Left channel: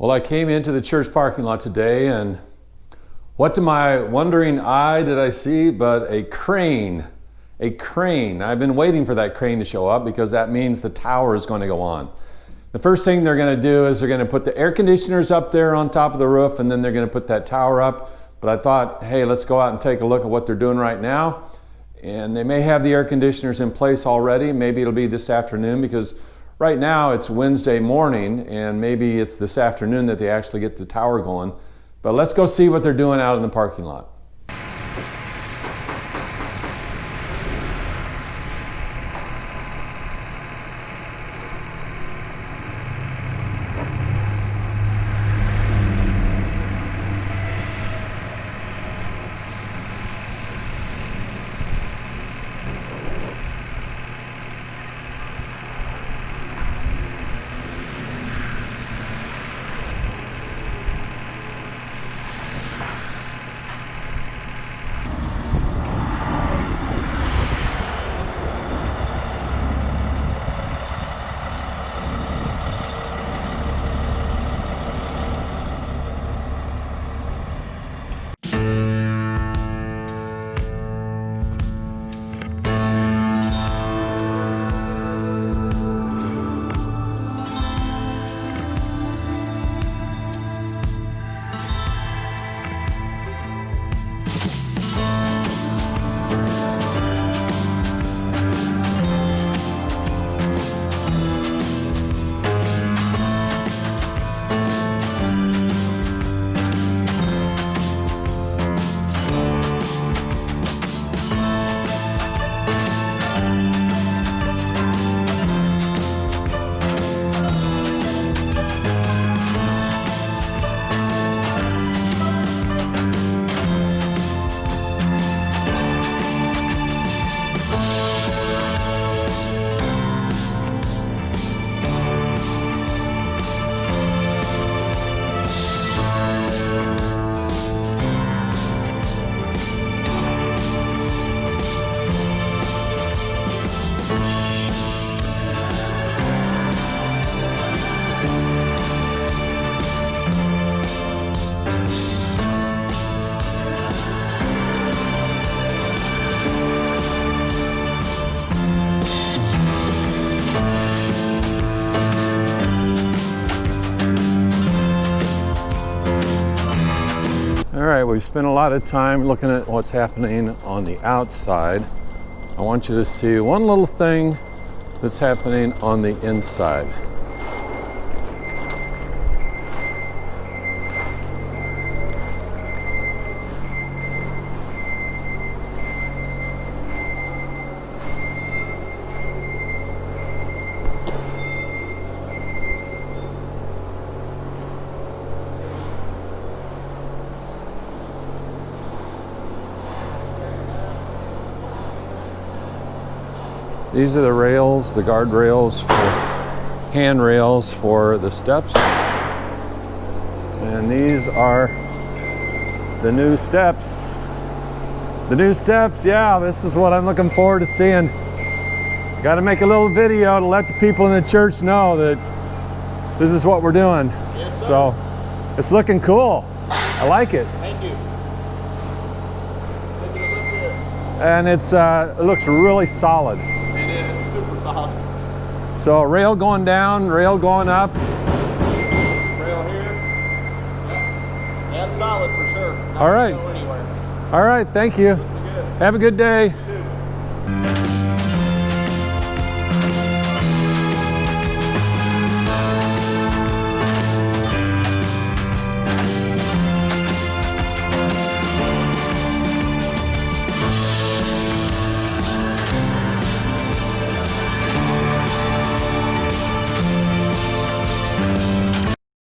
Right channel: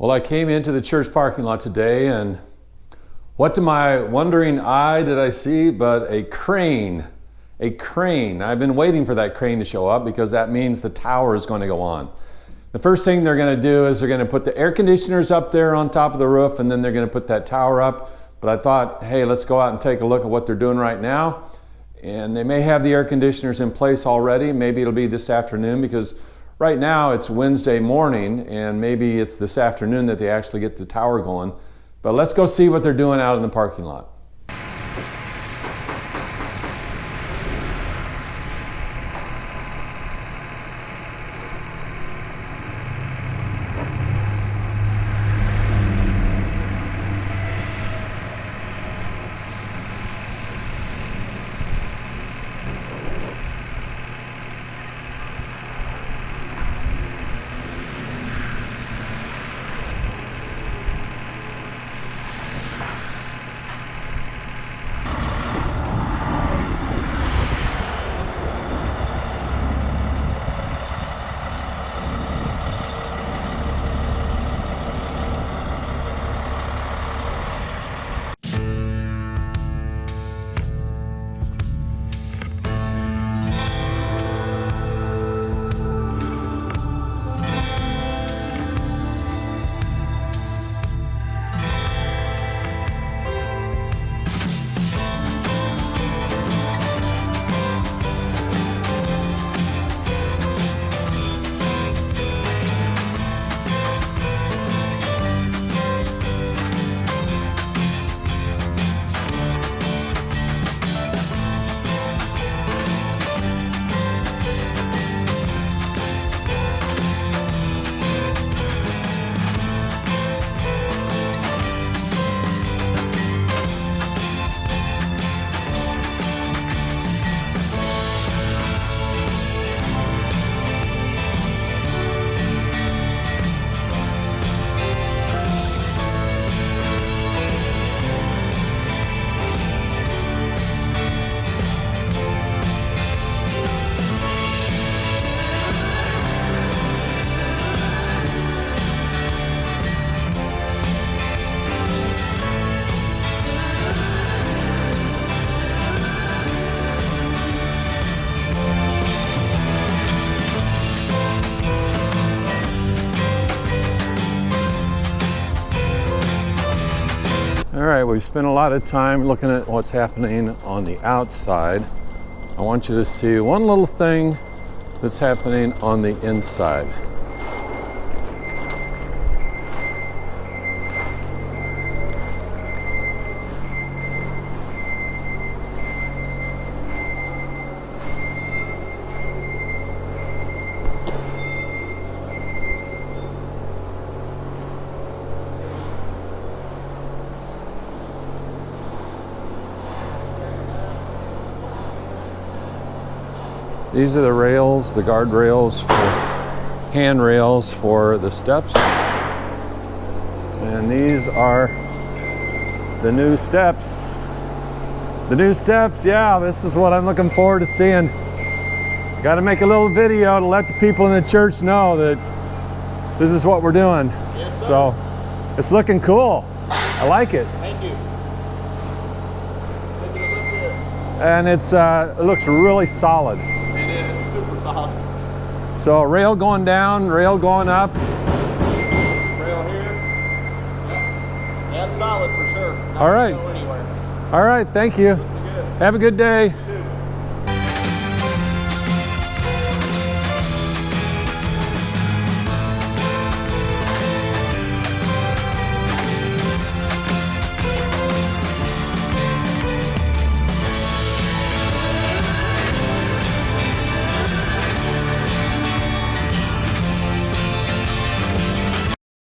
Well, I came into the church parking lot today, and what to my wondering eye did I see but a crane. A crane. I've been waiting for that crane to show up because that means the tower is going to go on. The first thing they're going to do is they're going to put the air conditioners up there on top of the roof, and then they're going to put that tower up. But I thought, hey, let's go out and take a look at what they're doing right now. And they may have the air conditioners in place already. Maybe it'll be this afternoon, because right now it's Wednesday morning, and maybe it's this afternoon that they actually get the tower going. But let's go see what they're doing out in the parking lot. All right, we've spent a lot of time looking at what's happening on the outside. I want you to see one little thing that's happening on the inside. These are the rails, the guardrails, handrails for the steps. And these are the new steps. The new steps, yeah, this is what I'm looking forward to seeing. Got to make a little video to let the people in the church know that this is what we're doing. Yes, sir. So it's looking cool. I like it. Thank you. Look good. And it looks really solid. It's super solid. So rail going down, rail going up. Rail here. Yeah, it's solid for sure. Not All right. Go anywhere. All right, thank you. Good. Have a good day.